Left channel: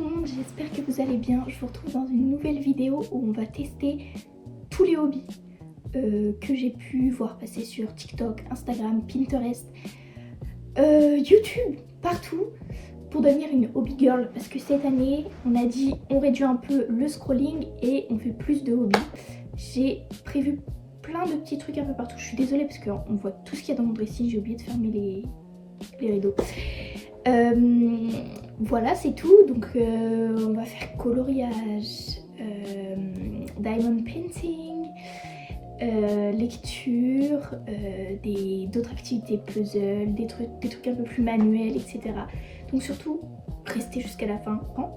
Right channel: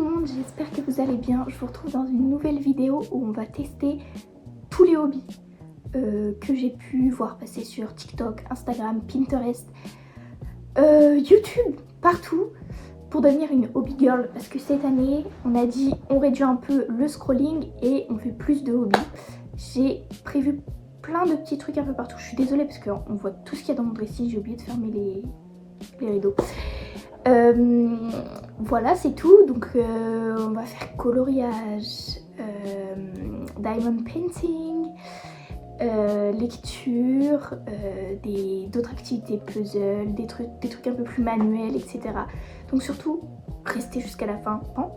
tout le monde, j'espère que vous allez bien. Je vous retrouve dans une nouvelle vidéo où on va tester tous les hobbies que j'ai pu voir passer sur TikTok, Instagram, Pinterest, YouTube, partout, pour devenir une hobby girl. Parce que cette année, on a dit on réduit un peu le scrolling et on fait plus de hobbies. J'ai prévu plein de petits trucs un peu partout. Je suis désolée parce qu'on voit tout ce qu'il y a dans mon dressing. J'ai oublié de fermer les rideaux. Voilà, c'est tout. Donc on va faire coloriage, diamond painting, lecture, d'autres activités puzzle, des trucs un peu plus manuels, etc. Donc surtout, restez jusqu'à la fin. Hein.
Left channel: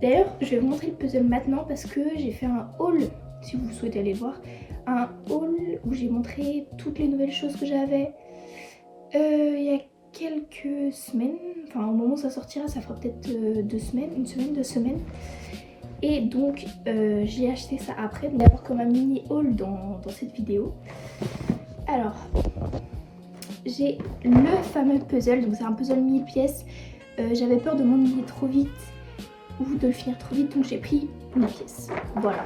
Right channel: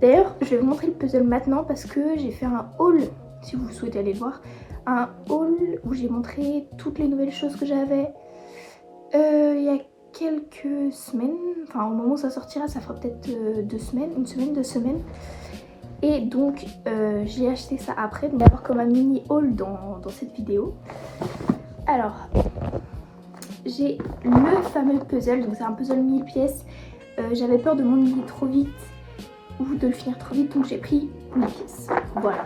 D'ailleurs, je vais vous montrer le puzzle maintenant parce que j'ai fait un haul, si vous souhaitez aller le voir, un haul où j'ai montré toutes les nouvelles choses que j'avais. Il y a quelques semaines, enfin au moment où ça sortira, ça fera peut-être 2 semaines, une semaine, 2 semaines. Et donc j'ai acheté ça après, donc d'avoir comme un mini haul dans cette vidéo. Alors, j'ai le fameux puzzle, donc c'est un puzzle 1000 pièces. J'avais peur de m'ennuyer trop vite ou de le finir trop vite, donc j'ai pris 1000 pièces. Voilà.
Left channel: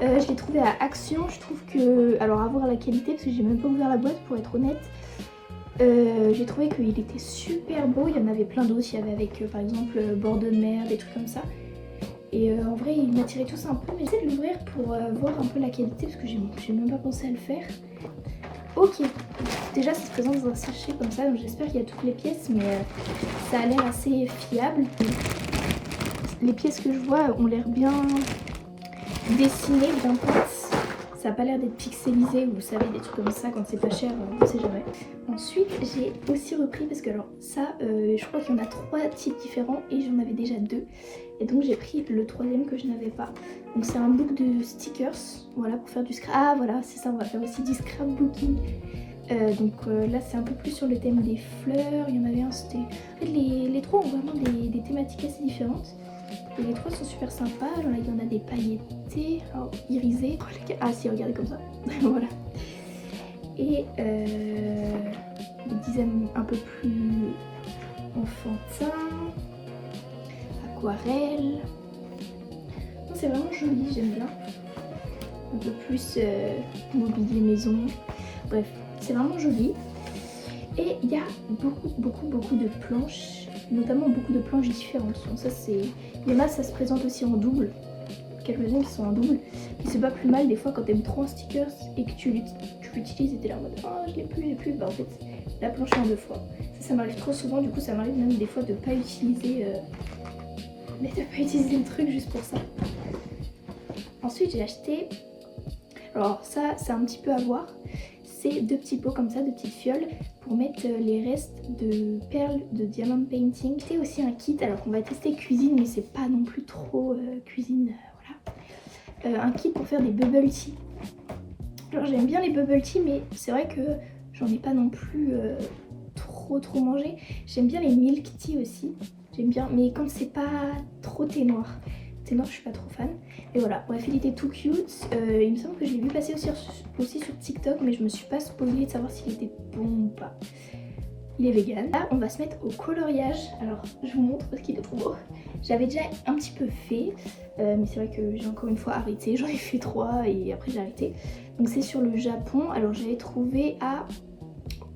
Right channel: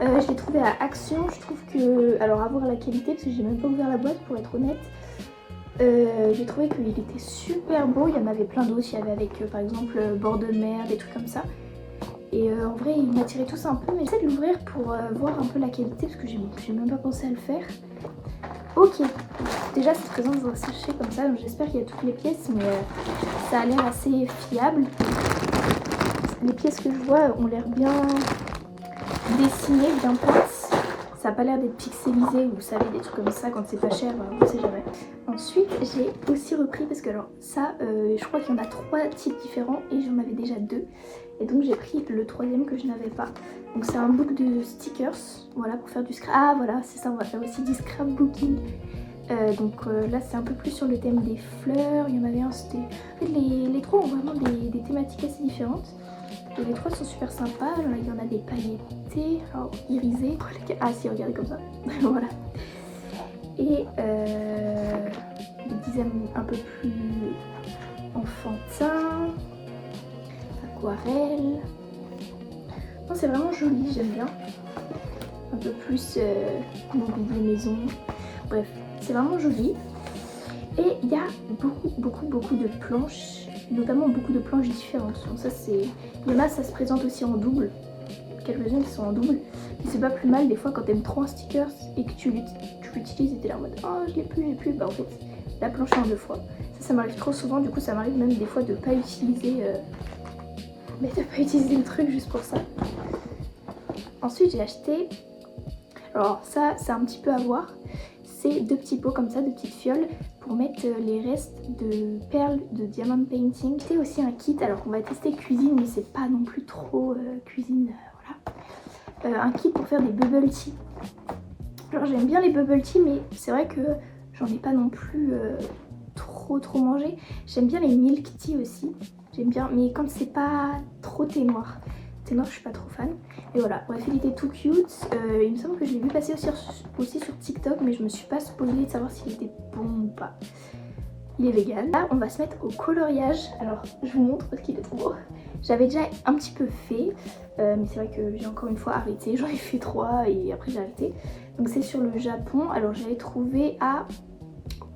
Je l'ai trouvé à Action, je trouve que, alors à voir la qualité parce que j'ai même pas ouvert la boîte pour être honnête. J'ai trouvé qu'il était super beau, il y en avait plein d'autres, il y avait avec par exemple bord de mer, des trucs comme ça. Et en vrai il m'attirait tous un peu, mais j'essaie de l'ouvrir pour voir un peu la qualité parce que j'ai même pas pensé à le faire. Ok, déjà ça se présente dans un sachet comme ça, donc j'espère qu'il y a toutes les pièces, mais ça a l'air assez fiable. Les pièces que je vois ont l'air bien dessinées, bien plates. Ça n'a pas l'air d'être pixelisé, vous savez, des trucs comme ça, quand c'est pas cher, on sait jamais. Ensuite, j'ai aussi repris, parce que alors ça, je crois qu'il y en a 3 types différents et j'en avais déjà 2. Et donc j'ai pris le 3e que je n'avais pas. Donc c'est un book de stickers, voilà, pour faire du scrap. Ah voilà, c'est ça, on va faire aussi du scrapbooking. Donc là c'est un peu plus sur le thème des fleurs, il y en avait un, c'était... En fait les 3 ont vraiment des thématiques assez différentes. Et les 3 sont super sympas, il y en a des pailletés, alors irisés. Ah si, regardez comme ça, voilà. Et des designs un peu plus enfantins, aquarelle. C'est vraiment joli, j'aime bien. Un peu plus mobilier maison, bref, c'est vraiment joli. Et il y a beaucoup de planches, notamment beaucoup de planches différentes. Donc ça c'est... Il y en a, ça se présente aussi en double, quelques-unes qui sont en double. Et c'est pas plus mal des fois quand t'aimes trop un sticker et que tu l'utilises et t'es là en mode oh je l'ai plus, bah en fait la planche est en 2 fois. Ça m'arrive trop souvent, du coup ça m'arrive même des fois de pas utiliser le truc juste pour ça. Ensuite j'ai acheté, alors ça c'est un petit peu à voir, c'est 2 petits pots comme ça, 2 petites fioles pour mettre les restes de perles de diamond painting. C'est aussi un kit, alors on va tester cuisine mais c'est pas non plus trop cuisine, voilà. Un kit pour faire des bubble tea. Alors j'aime bien les bubble tea mais c'est vrai que j'en ai pas non plus trop mangé. J'aime bien les milk tea aussi, j'aime bien, mais quand c'est pas trop thé noir. Thé noir je suis pas trop fan. Et voilà, bref il était tout cute. Il me semble que je l'ai vu passer aussi sur TikTok mais je me suis pas spoilée de savoir s'il était bon ou pas. Il est vegan. Là on va se mettre au coloriage. Alors je vous montre parce qu'il est trop beau. J'avais déjà un petit peu fait mais c'est vrai que j'ai encore une fois arrêté. J'en ai fait 3 et après j'ai arrêté. Donc c'est sur le Japon. Alors j'avais trouvé à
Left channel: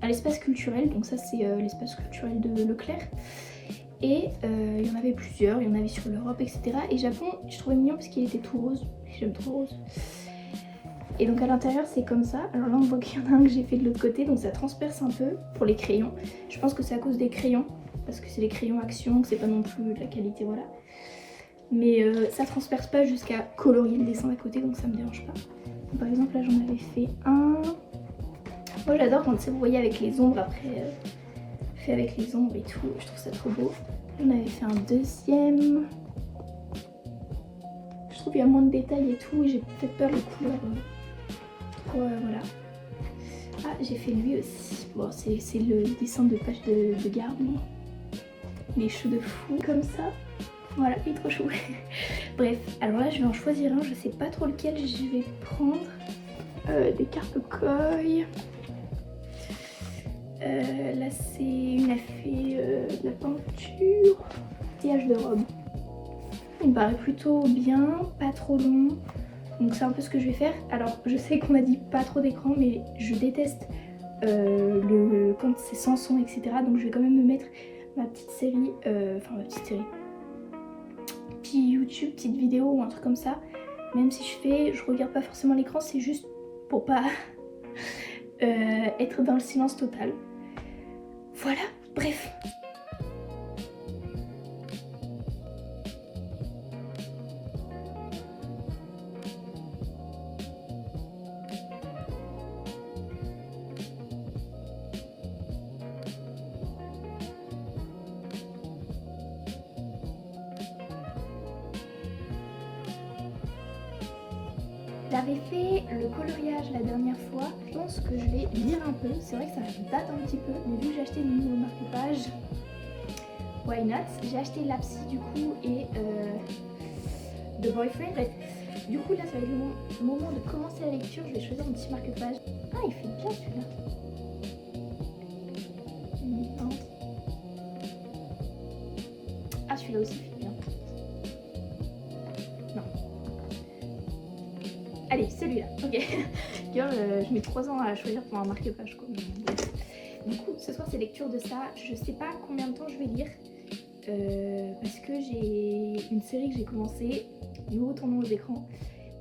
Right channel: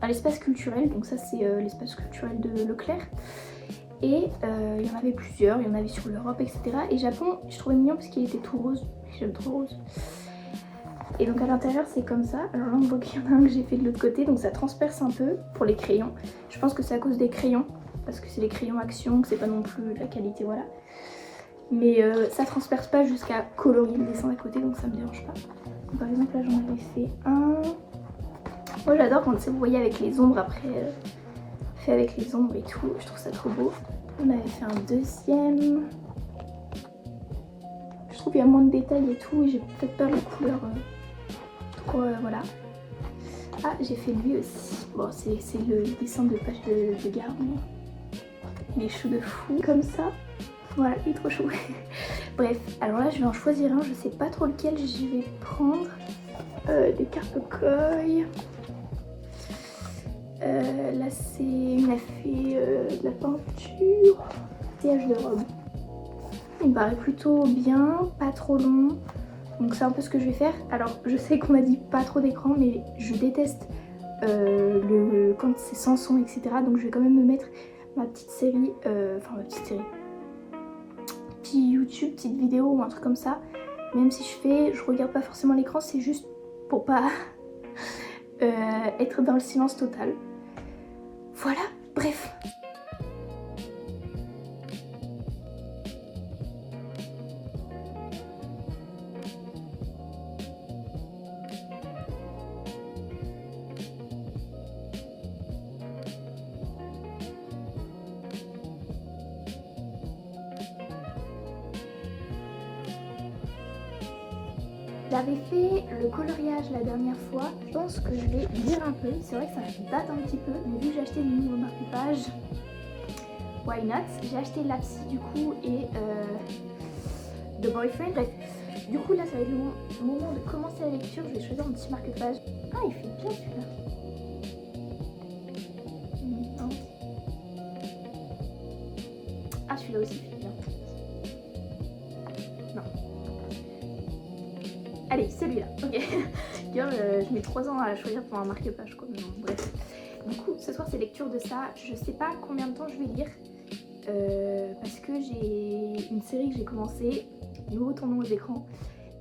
l'espace culturel. Donc ça c'est l'espace culturel de Leclerc. Et il y en avait plusieurs, il y en avait sur l'Europe, etc. Et Japon, je trouvais mignon parce qu'il était tout rose. J'aime trop rose. Et donc à l'intérieur c'est comme ça. Alors là on voit qu'il y en a un que j'ai fait de l'autre côté, donc ça transperce un peu pour les crayons. Je pense que c'est à cause des crayons, parce que c'est les crayons Action, que c'est pas non plus de la qualité, voilà. Mais ça transperce pas jusqu'à colorier le dessin à côté, donc ça me dérange pas. Donc, par exemple là j'en avais fait un. Moi j'adore quand vous voyez avec les ombres après, fait avec les ombres et tout, je trouve ça trop beau. On avait fait un 2e. Je trouve qu'il y a moins de détails et tout, et j'ai peut-être pas les couleurs. Voilà. Ah, j'ai fait lui aussi. Bon, c'est le dessin de page de garde. Les choux de fou, comme ça. Voilà, il est trop chou. Bref, alors là, je vais en choisir un. Je sais pas trop lequel je vais prendre. Des cartes coy. Là, c'est une a fait de la peinture. Maquillage de robe. il me paraît plutôt bien, pas trop long. Donc c'est un peu ce que je vais faire. Alors je sais qu'on a dit pas trop d'écran, mais je déteste quand c'est sans son, etc. Donc je vais quand même me mettre ma petite série, petit YouTube, petite vidéo ou un truc comme ça. Même si je regarde pas forcément l'écran, c'est juste pour pas être dans le silence total. Voilà, bref. J'avais fait le coloriage la dernière fois, je pense que je vais lire un peu, c'est vrai que ça date un petit peu, mais vu que j'ai acheté le nouveau marque-page, why not? J'ai acheté Lapsi du coup et The Boyfriend. Bref, du coup là ça va être le moment de commencer la lecture, je vais choisir mon petit marque-page. Ah, il fait bien celui-là. Ah, celui-là aussi il fait bien. Non. Allez, celui-là, ok. Girl, je mets 3 ans à choisir pour un marque-page quoi. Mais bon, bref. Du coup, ce soir c'est lecture de ça. Je sais pas combien de temps je vais lire. Parce que j'ai une série que j'ai commencé, nouveau tournant aux écrans.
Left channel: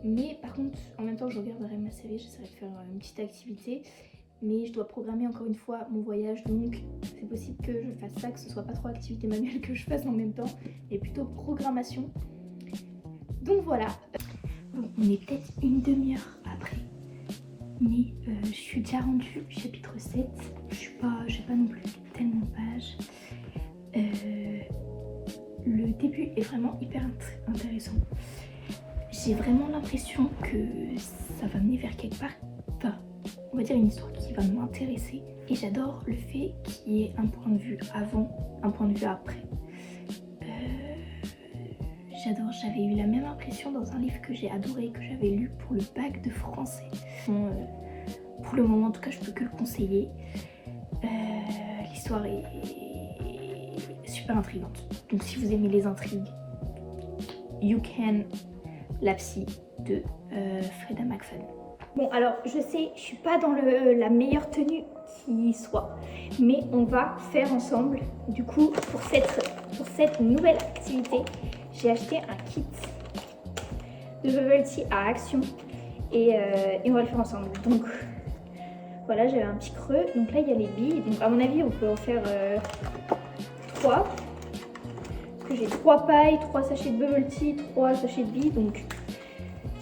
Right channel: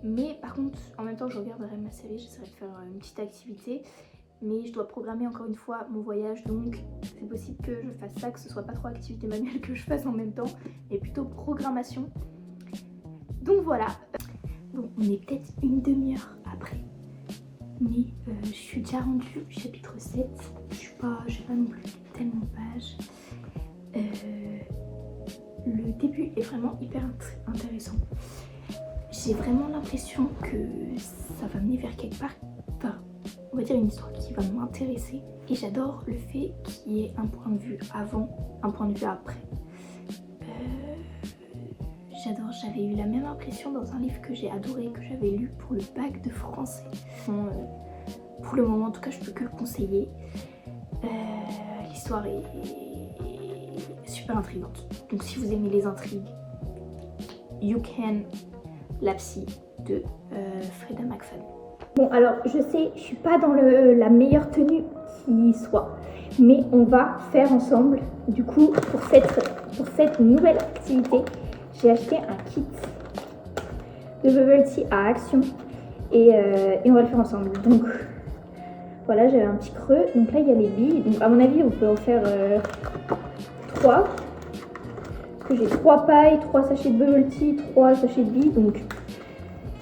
Mais par contre, en même temps que je regarderai ma série, j'essaierai de faire une petite activité. Mais je dois programmer encore une fois mon voyage, donc c'est possible que je fasse ça, que ce soit pas trop activité manuelle que je fasse en même temps, mais plutôt programmation. Donc voilà. Bon, on est peut-être une demi-heure après, mais je suis déjà rendue au chapitre 7. J'ai pas non plus tellement de pages. Le début est vraiment hyper intéressant. J'ai vraiment l'impression que ça va mener vers quelque part. Enfin, on va dire une histoire qui va m'intéresser. Et j'adore le fait qu'il y ait un point de vue avant, un point de vue après. J'adore, j'avais eu la même impression dans un livre que j'ai adoré, que j'avais lu pour le bac de français. Pour le moment, en tout cas, je peux que le conseiller. L'histoire est super intrigante. Donc si vous aimez les intrigues, You Can, Lapsi de Freda McFadden. Bon, alors je sais, je suis pas dans la meilleure tenue qui soit, mais on va faire ensemble. Du coup, pour cette nouvelle activité, j'ai acheté un kit de bubble tea à Action et on va le faire ensemble. Donc voilà, j'avais un petit creux. Donc là, il y a les billes. Donc à mon avis, on peut en faire 3. Parce que j'ai 3 pailles, 3 sachets de bubble tea, 3 sachets de billes. Donc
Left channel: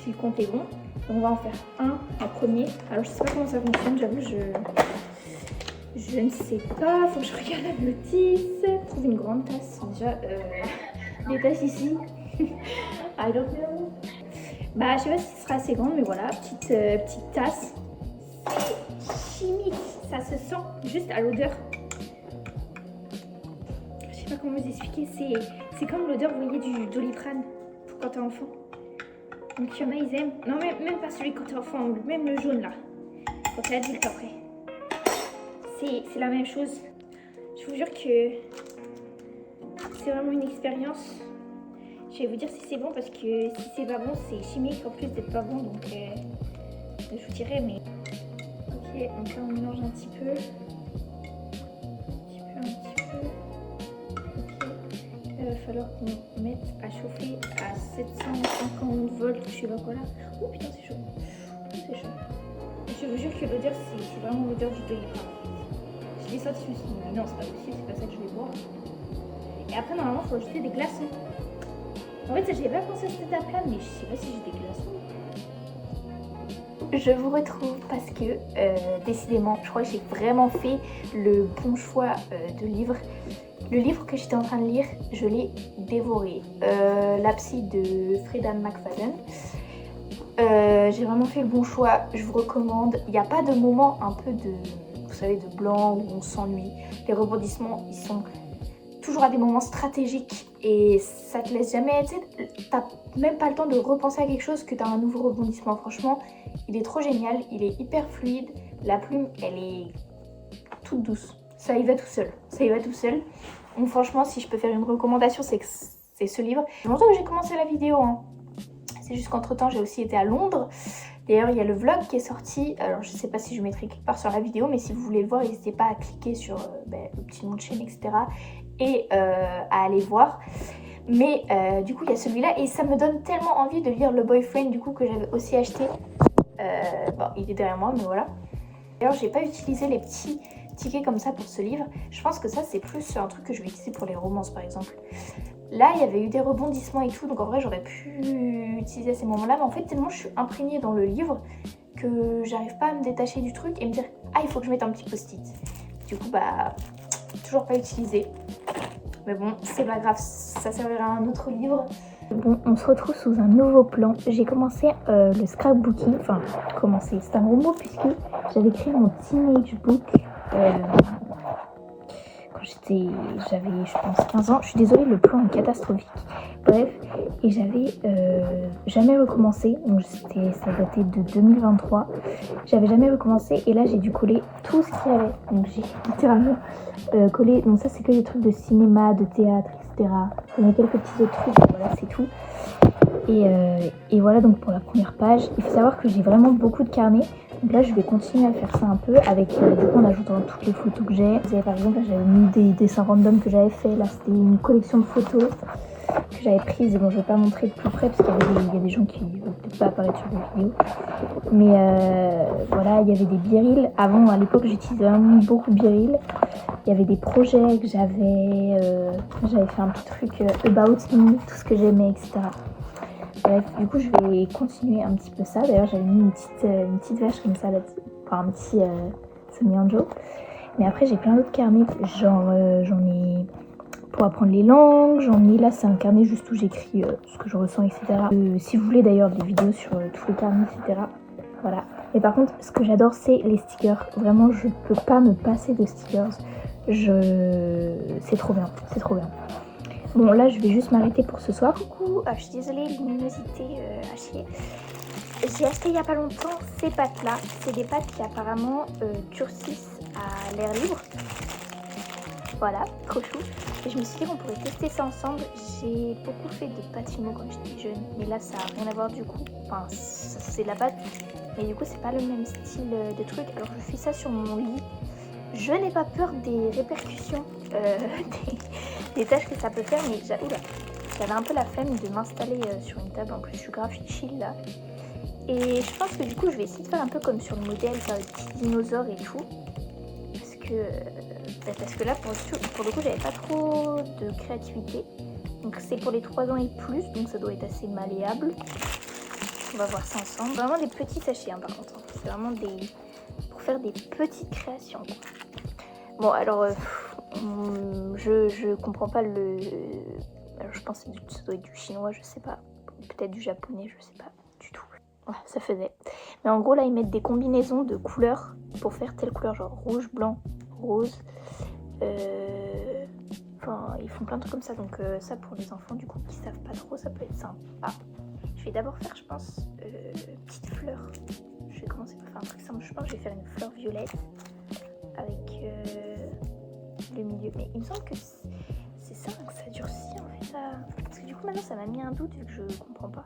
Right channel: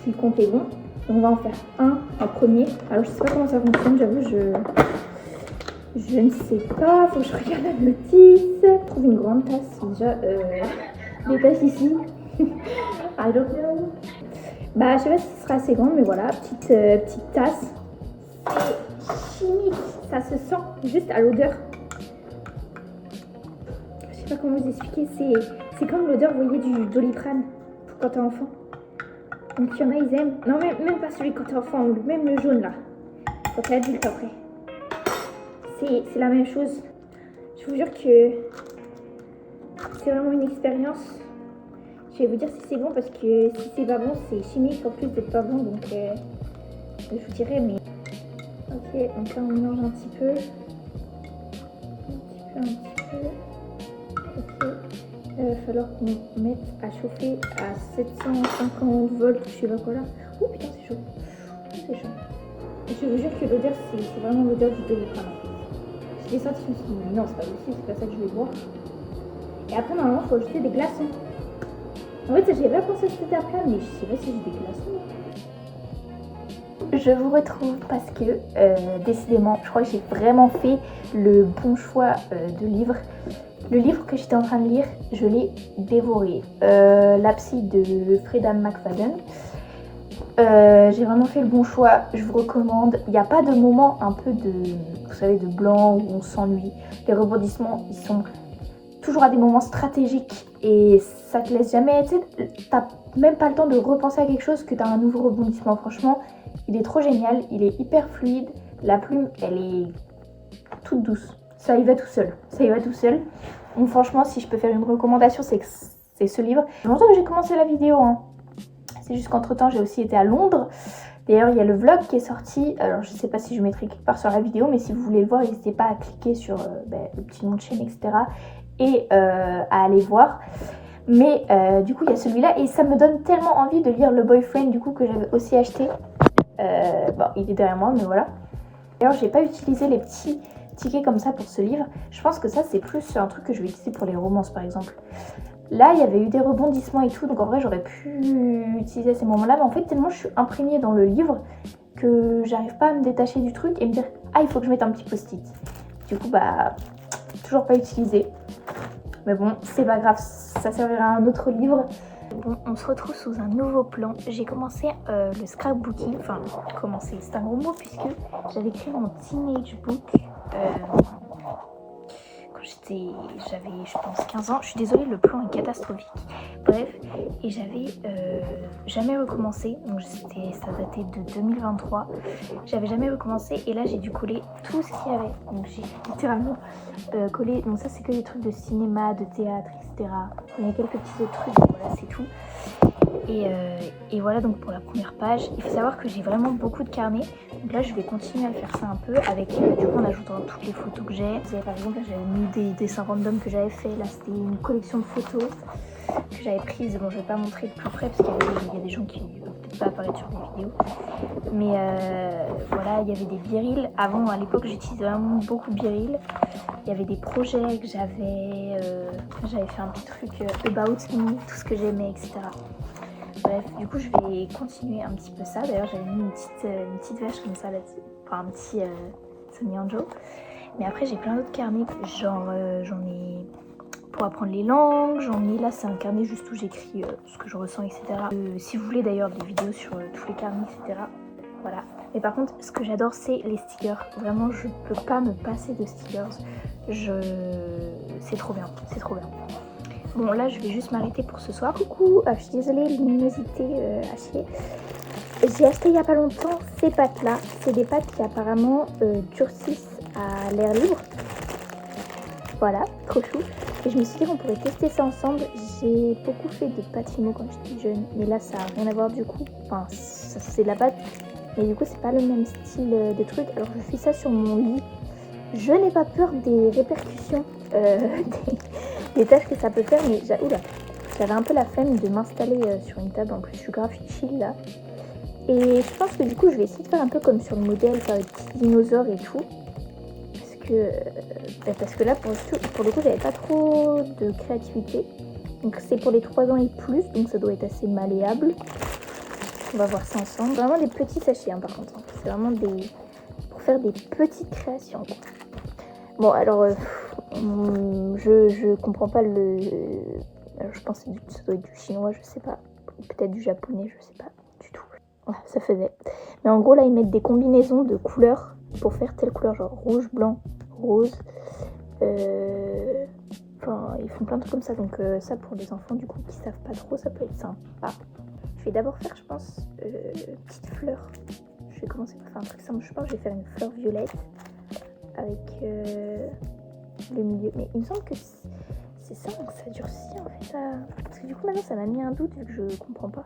si le compte est bon, on va en faire un premier. Alors je sais pas comment ça fonctionne, j'avoue, je ne sais pas. Faut que je regarde la notice. Je trouve une grande tasse déjà. Des tasses ici. I don't know. Bah je sais pas si ce sera assez grande, mais voilà, petite tasse. C'est chimique, ça se sent juste à l'odeur. Je sais pas comment vous expliquer, c'est comme l'odeur, vous voyez, du Doliprane quand t'es enfant. Donc il y en a, ils aiment. Non, même pas celui quand t'es enfant, même le jaune là. Quand t'es adulte après. C'est la même chose. Je vous jure que c'est vraiment une expérience. Je vais vous dire si c'est bon parce que si c'est pas bon, c'est chimique en plus d'être pas bon. Donc je vous dirai, mais... Ok, donc là on mélange un petit peu. Un petit peu. Ok. Il va falloir qu'on mette à chauffer à 750 volts, je sais pas quoi là. Oh putain, c'est chaud. Oh, c'est chaud. Je vous jure que l'odeur, c'est vraiment l'odeur du Doliprane. Je l'ai senti, je me suis dit, non, c'est pas possible, c'est pas ça que je vais boire. Et après, normalement, il faut ajouter des glaçons. En fait, j'avais pas pensé à cette étape-là, mais je sais pas si j'ai des glaçons. Je vous retrouve parce que, décidément, je crois que j'ai vraiment fait le bon choix de livre. Le livre que j'étais en train de lire, je l'ai dévoré. Lapsi de Freda McFadden. J'ai vraiment fait le bon choix, je vous recommande. Il n'y a pas de moment un peu de, vous savez, de blanc où on s'ennuie. Les rebondissements, ils sont toujours à des moments stratégiques et ça te laisse jamais, tu sais, t'as même pas le temps de repenser à quelque chose que t'as un nouveau rebondissement. Franchement, il est trop génial, il est hyper fluide. La plume, elle est toute douce. Ça y va tout seul, ça y va tout seul. Donc franchement, si je peux faire une recommandation, c'est que c'est ce livre. Ça fait longtemps que j'ai commencé la vidéo, hein. C'est juste qu'entre temps j'ai aussi été à Londres. D'ailleurs il y a le vlog qui est sorti, alors je sais pas si je mettrai quelque part sur la vidéo, mais si vous voulez le voir n'hésitez pas à cliquer sur le petit nom de chaîne etc. et à aller voir. Mais du coup il y a celui-là et ça me donne tellement envie de lire Le Boyfriend du coup que j'avais aussi acheté. Bon il est derrière moi mais voilà. D'ailleurs j'ai pas utilisé les petits tickets comme ça pour ce livre. Je pense que ça c'est plus un truc que je vais utiliser pour les romances par exemple. Là, il y avait eu des rebondissements et tout, donc en vrai, j'aurais pu utiliser à ces moments-là. Mais en fait, tellement je suis imprégnée dans le livre que j'arrive pas à me détacher du truc et me dire « Ah, il faut que je mette un petit post-it ». Du coup, bah, toujours pas utilisé. Mais bon, c'est pas grave, ça servira à un autre livre. Bon, on se retrouve sous un nouveau plan. J'ai commencé le scrapbooking. Enfin, commencé, c'est un gros mot puisque j'avais créé mon teenage book. J'avais je pense 15 ans, je suis désolée le plan est catastrophique, bref, et j'avais jamais recommencé, donc ça datait de 2023, j'avais jamais recommencé et là j'ai dû coller tout ce qu'il y avait, donc j'ai littéralement collé, donc ça c'est que des trucs de cinéma, de théâtre, etc. Il y a quelques petits autres trucs, voilà c'est tout. Et voilà donc pour la première page, il faut savoir que j'ai vraiment beaucoup de carnets. Donc là je vais continuer à faire ça un peu avec du coup en ajoutant toutes les photos que j'ai. Par exemple là j'avais mis des dessins random que j'avais fait, là c'était une collection de photos que j'avais prises. Bon je vais pas montrer de plus près parce qu'il y a des gens qui ne veulent peut-être pas apparaître sur les vidéos. Mais voilà, il y avait des birils. Avant à l'époque j'utilisais vraiment beaucoup biril. Il y avait des projets que j'avais fait un petit truc about me, tout ce que j'aimais etc. Bref, du coup je vais continuer un petit peu ça. D'ailleurs j'avais mis une petite vache comme ça là-dessus, enfin un petit Sonny Anjo. Mais après j'ai plein d'autres carnets, genre j'en ai pour apprendre les langues, j'en ai là c'est un carnet juste où j'écris ce que je ressens etc. Si vous voulez d'ailleurs des vidéos sur tous les carnets etc. Voilà. Mais par contre ce que j'adore c'est les stickers. Vraiment je peux pas me passer de stickers. C'est trop bien, c'est trop bien. Bon là je vais juste m'arrêter pour ce soir. Coucou, je suis désolée, luminosité à chier. J'ai acheté il n'y a pas longtemps ces pâtes là. C'est des pâtes qui apparemment durcissent à l'air libre. Voilà, trop chou. Et je me suis dit qu'on pourrait tester ça ensemble. J'ai beaucoup fait de pâtes fimo quand j'étais jeune. Mais là ça n'a rien à voir du coup. Enfin c'est de la pâte. Mais du coup c'est pas le même style de truc. Alors je fais ça sur mon lit. Je n'ai pas peur des répercussions des tâches que ça peut faire, mais j'avais un peu la flemme de m'installer sur une table. En plus je suis grave chill là. Et je pense que du coup je vais essayer de faire un peu comme sur le modèle, faire des petits dinosaures et tout. Parce que là pour le coup j'avais pas trop de créativité. Donc c'est pour les 3 ans et plus, donc ça doit être assez malléable. On va voir ça ensemble. Vraiment des petits sachets par contre. C'est vraiment pour faire des petites créations quoi. Bon alors je comprends pas alors je pense que ça doit être du chinois, je sais pas. Peut-être du japonais, je sais pas du tout. Voilà, ça faisait. Mais en gros là ils mettent des combinaisons de couleurs pour faire telle couleur, genre rouge, blanc, rose. Enfin ils font plein de trucs comme ça, donc ça pour les enfants du coup qui savent pas trop ça peut être sympa. Je vais d'abord faire je pense petite fleur. Je vais commencer par faire un truc simple, je pense que je vais faire une fleur violette avec le milieu, mais il me semble que c'est ça que ça durcit en fait ça... parce que du coup maintenant ça m'a mis un doute vu que je comprends pas.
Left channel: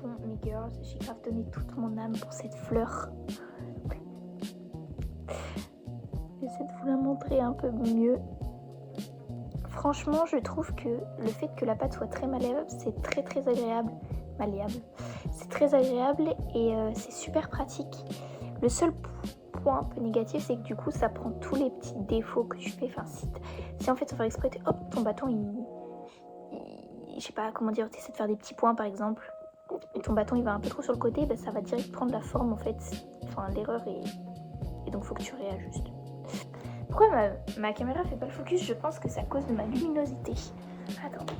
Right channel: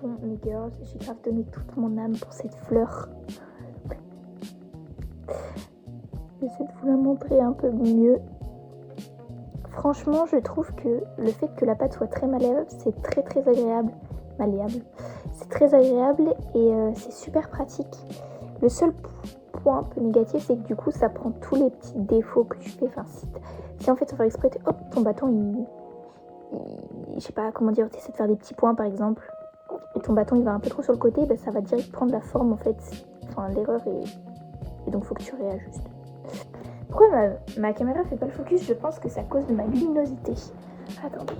Bon mes girls, j'ai grave donné toute mon âme pour cette fleur. J'essaie de vous la montrer un peu mieux. Franchement je trouve que le fait que la pâte soit très malléable c'est très agréable. C'est très agréable et c'est super pratique. Le seul point un peu négatif c'est que du coup ça prend tous les petits défauts que tu fais. Enfin si en fait sans faire exprès hop ton bâton je sais pas comment dire, tu essaies de faire des petits points par exemple et ton bâton il va un peu trop sur le côté, ça va direct prendre la forme en fait, enfin l'erreur et donc faut que tu réajustes. Pourquoi ma caméra fait pas le focus? Je pense que c'est à cause de ma luminosité. Attendez.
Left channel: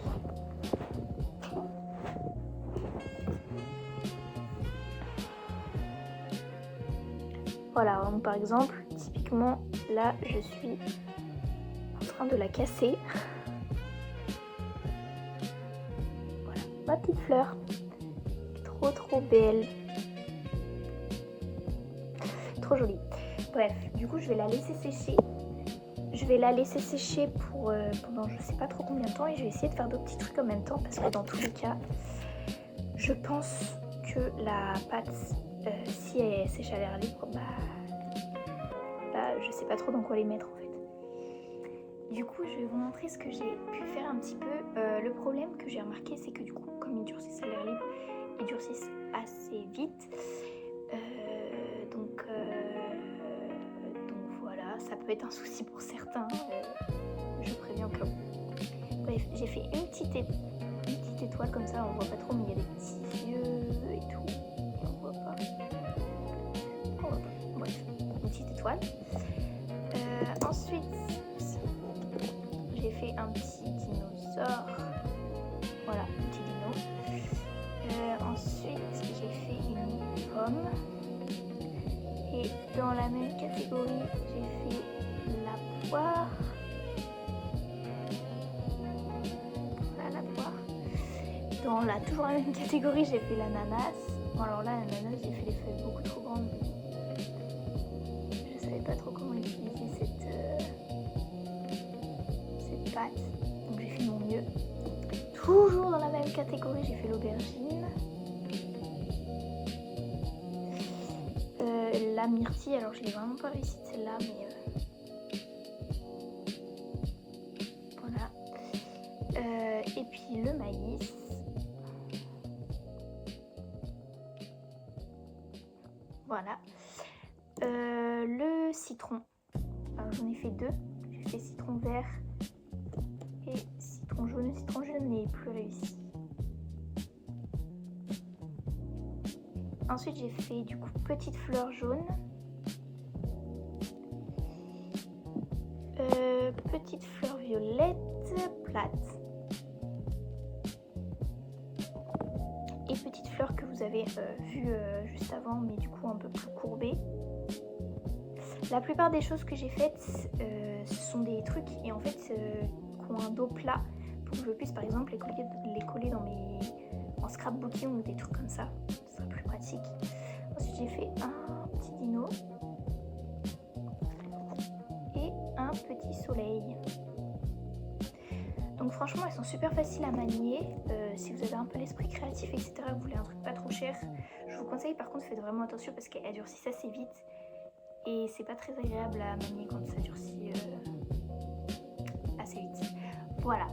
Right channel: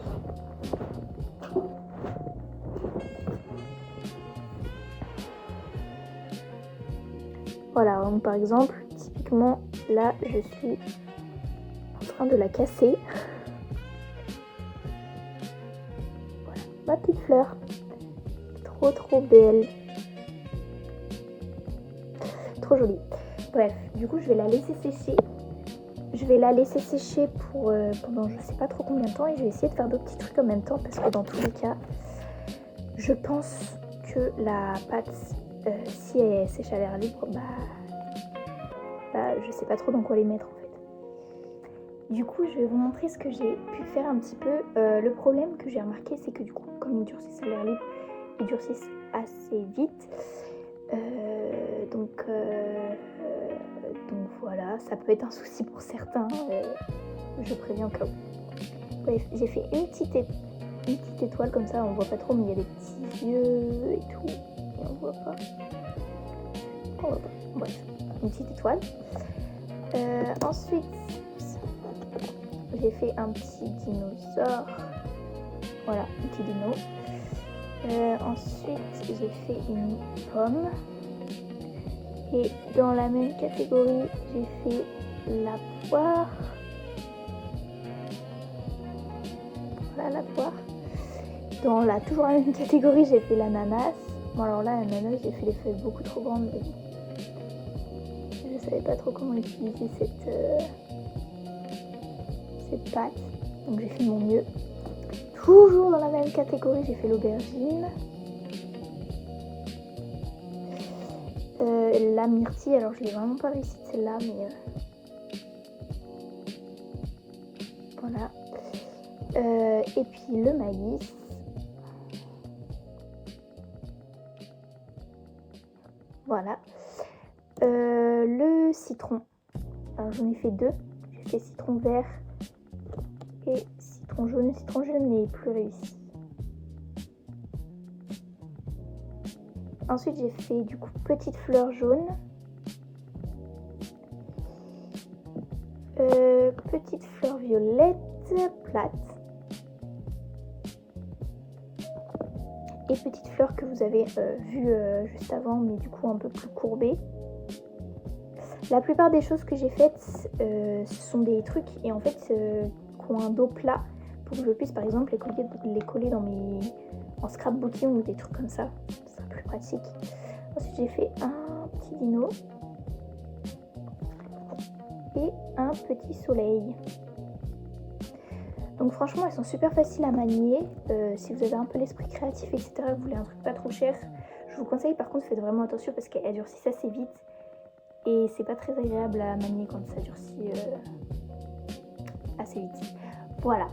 Voilà, donc par exemple, typiquement, là, je suis en train de la casser. Voilà, ma petite fleur. Trop belle. Trop jolie. Bref, du coup, je vais la laisser sécher. je vais la laisser sécher pendant je sais pas trop combien de temps et je vais essayer de faire d'autres petits trucs en même temps parce que dans tous les cas, je pense que la pâte, si elle sèche à l'air libre, je sais pas trop dans quoi les mettre en fait. Du coup, je vais vous montrer ce que j'ai pu faire un petit peu. Le problème que j'ai remarqué, c'est que du coup, comme ils durcissent à l'air libre, ils durcissent assez vite. Donc voilà, ça peut être un souci pour certains, je préviens au cas où. Bref, j'ai fait une petite étoile comme ça, on voit pas trop, mais il y a des petits yeux et tout, et on voit pas. Bref, une petite étoile. Ensuite, j'ai fait un petit dinosaure, voilà, un petit dino. Ensuite, j'ai fait une pomme. Et dans la même catégorie, j'ai fait la poire. Voilà la poire. Toujours la même catégorie, j'ai fait l'ananas. Bon alors là, l'ananas, j'ai fait des feuilles beaucoup trop grandes. Je savais pas trop comment utiliser cette pâte. Donc j'ai fait mon mieux. Toujours dans la même catégorie, j'ai fait l'aubergine. La myrtille, alors j'ai vraiment pas réussi celle-là, mais voilà. Et puis le maïs. Voilà. Le citron. Alors j'en ai fait deux. J'ai fait citron vert et citron jaune. Le citron jaune n'est plus réussi. Ensuite, j'ai fait du coup petite fleur jaune, petite fleur violette plate et petite fleur que vous avez vue juste avant, mais du coup un peu plus courbée. La plupart des choses que j'ai faites, ce sont des trucs et en fait qui ont un dos plat pour que je puisse par exemple les coller en scrapbooking ou des trucs comme ça. Pratique. Ensuite j'ai fait un petit dino et un petit soleil. Donc franchement elles sont super faciles à manier. Si vous avez un peu l'esprit créatif etc, vous voulez un truc pas trop cher, je vous conseille. Par contre faites vraiment attention parce qu'elles durcissent assez vite et c'est pas très agréable à manier quand ça durcit assez vite. Voilà.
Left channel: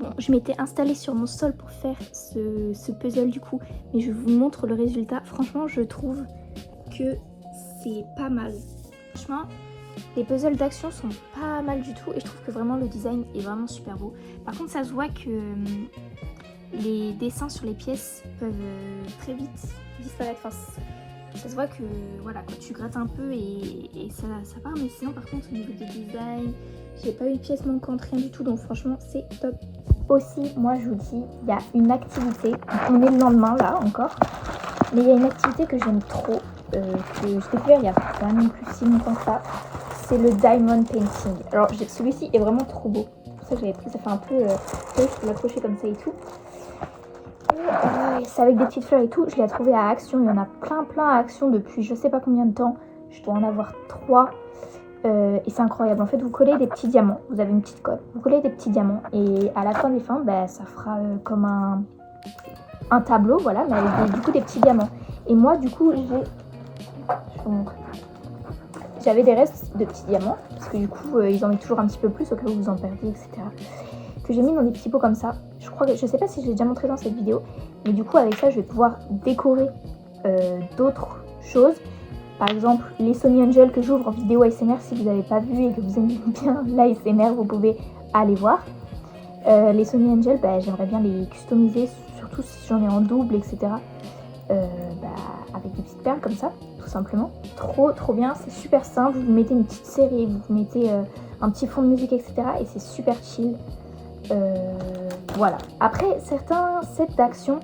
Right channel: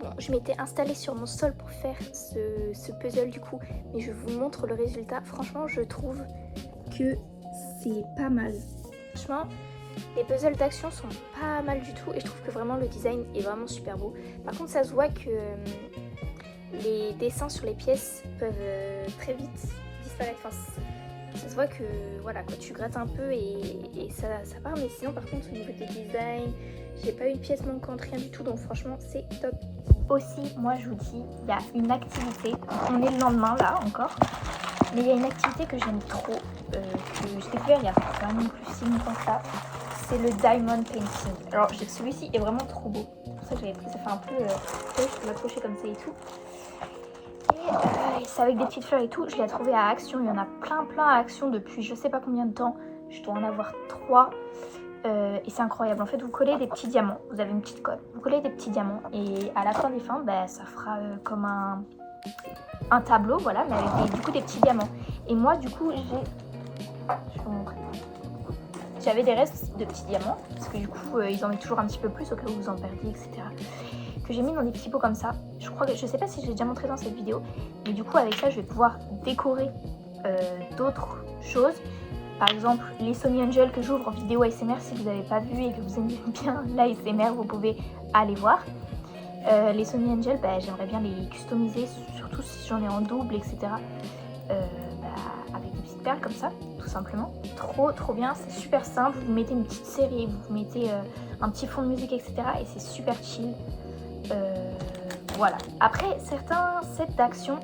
Bon, je m'étais installée sur mon sol pour faire ce puzzle du coup, mais je vous montre le résultat. Franchement, je trouve que c'est pas mal. Franchement, les puzzles d'action sont pas mal du tout et je trouve que vraiment le design est vraiment super beau. Par contre, ça se voit que les dessins sur les pièces peuvent très vite disparaître. Enfin, ça se voit que voilà, quand tu grattes un peu et ça part, mais sinon par contre au niveau du design, j'ai pas eu de pièce manquante, rien du tout, donc franchement c'est top. Aussi, moi je vous dis, il y a une activité, on est le lendemain là encore, mais il y a une activité que j'aime trop, que j'ai découvert il y a pas non plus si longtemps que ça, c'est le diamond painting. Alors celui-ci est vraiment trop beau, pour ça que j'avais pris, ça fait un peu, je peux l'accrocher comme ça et tout. Et c'est avec des petites fleurs et tout, je l'ai trouvé à Action, il y en a plein à Action depuis je sais pas combien de temps, je dois en avoir 3. Et c'est incroyable, en fait vous collez des petits diamants, vous avez une petite colle, vous collez des petits diamants et à la fin des fins ça fera comme un tableau, voilà, mais avec du coup des petits diamants. Et moi du coup j'avais des restes de petits diamants, parce que du coup ils en mettent toujours un petit peu plus au cas où vous en perdez, etc. Que j'ai mis dans des petits pots comme ça. Je sais pas si je l'ai déjà montré dans cette vidéo, mais du coup avec ça je vais pouvoir décorer d'autres choses. Par exemple, les Sony Angel que j'ouvre en vidéo ASMR, si vous n'avez pas vu et que vous aimez bien l'ASMR, vous pouvez aller voir. Les Sony Angel, j'aimerais bien les customiser, surtout si j'en ai en double, etc. Avec des petites perles comme ça, tout simplement. Trop bien, c'est super simple. Vous mettez une petite série, vous mettez un petit fond de musique, etc. Et c'est super chill. Voilà. Après, certains sets d'action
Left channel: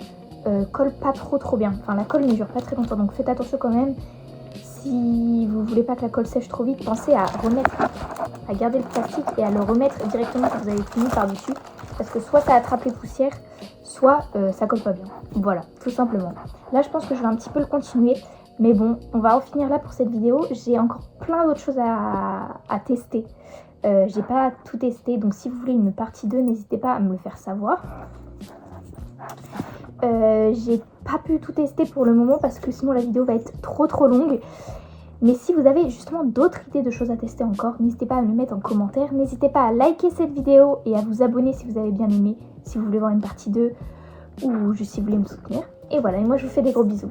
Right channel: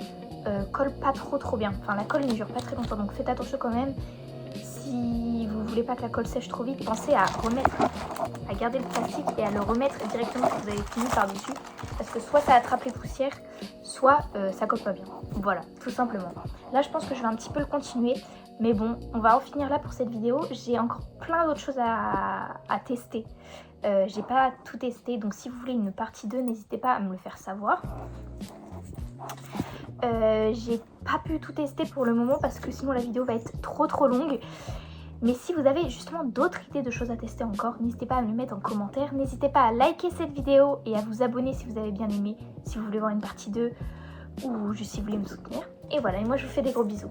collent pas trop bien. Enfin, la colle ne dure pas très longtemps, donc faites attention quand même. Si vous voulez pas que la colle sèche trop vite, pensez à garder le plastique et à le remettre directement quand vous avez fini par-dessus. Parce que soit ça attrape les poussières, soit ça colle pas bien. Voilà, tout simplement. Là, je pense que je vais un petit peu le continuer. Mais bon, on va en finir là pour cette vidéo. J'ai encore plein d'autres choses à tester. J'ai pas tout testé, donc si vous voulez une partie 2, n'hésitez pas à me le faire savoir. J'ai pas pu tout tester pour le moment parce que sinon la vidéo va être trop longue. Mais si vous avez justement d'autres idées de choses à tester encore, n'hésitez pas à me le mettre en commentaire. N'hésitez pas à liker cette vidéo et à vous abonner si vous avez bien aimé, si vous voulez voir une partie 2 ou juste si vous voulez me soutenir. Et voilà, et moi je vous fais des gros bisous.